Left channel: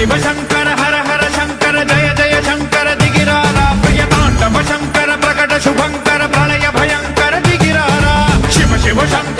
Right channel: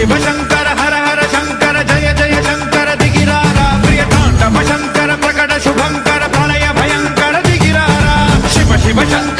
शिव शंकर हर हर शंकर जय जय शंकर दिगिरारा प्रियतांडव शंकर प्रकट शुभंकर प्रलय भयंकर दिगिरारा शिव शिव शंकर